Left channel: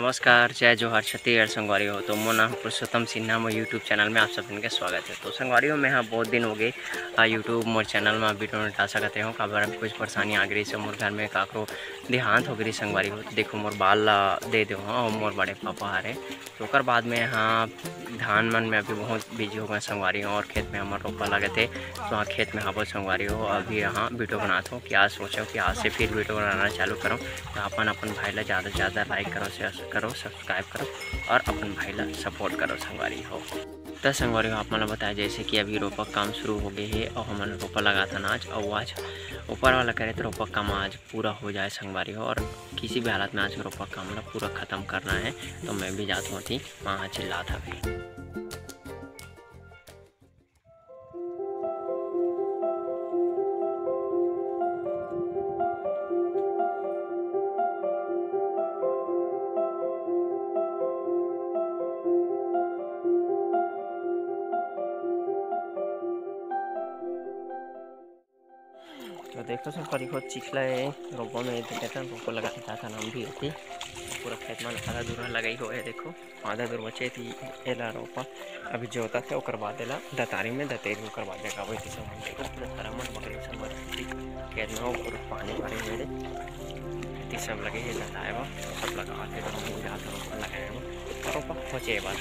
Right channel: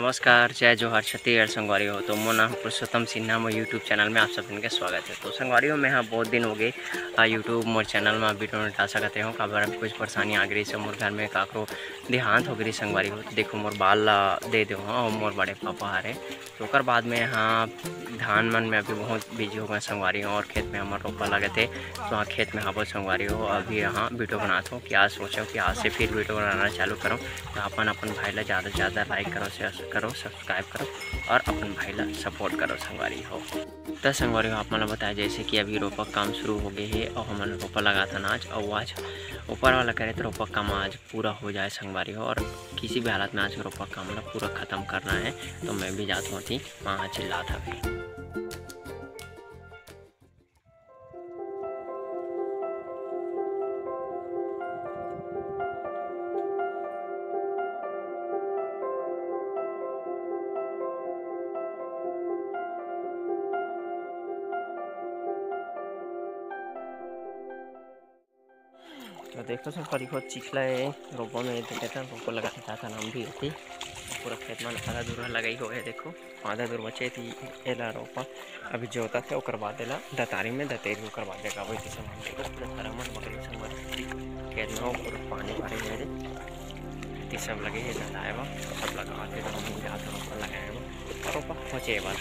नमस्कार, जय जोहार, छत्तीसगढ़ संगवारी हो। तो मोर नाम पुरुषोत्तम सिन्हा, मोर यूट्यूब चैनल में आप सबके स्वागत है। तो संगवारी हो मैं बहुत दिन हो गए यूट्यूब मोर चैनल में वीडियो नहीं डाल सकते हो। काबर कुछ परेशानी आ गई से मोर घर में काकरो देहांत हो गई संगवारी हो। तो देखो मोर बाल ला दे दो और मोर बड़े पापा हरे। तो ओकर बाद में यहाँ धान मन में अभी बहुत बिजी हो गए संगवारी हो और खेत में हमारे रोपा लगे थे। तो वहाँ खेत में हबो संगवारी हो। अभी यहाँ वीडियो बनाता हूँ कि आज सोचो कि आज से फिर वीडियो बनाना चालू करूँ। तो अपन भाई ला ज़्यादा से ज़्यादा लाइक करो, शेयर करो, सब्सक्राइब करो और अपन भाई ला सपोर्ट करो संगवारी हो। तो संगवारी हो आप मन बताया जैसे कि अभी रोपा काम शुरू हो गए है और हमने रोपा लगा था आज और आज ऊपर वाला करे तो रोपा काम आज पूरा हो जाए संगवारी हो। और किसी भी हालत में आज रोपा काम ला पूरा ख़त्म करना है। तो मैं भी जाता हूँ थी वहाँ चिल्ला था भी। तो देखो संगवारी हो चिखला है रोपा में देखा रोपा लगाता था नाम भी थी पूरा खेत में आधा दूर लगाई हो है। देखो आधा दूर बचे थी एला रोपा अभी जोता थे और बाद एला दतारी में दतेरी ओकर बाद देखा वही थी संग देखो पूरा सारा मन बकरी संग खेत में पूरा पानी भरे हुए सब लगे है दताए सब लगा के तो हम जाते रोपा लगाए रोपा पहुँचे बार।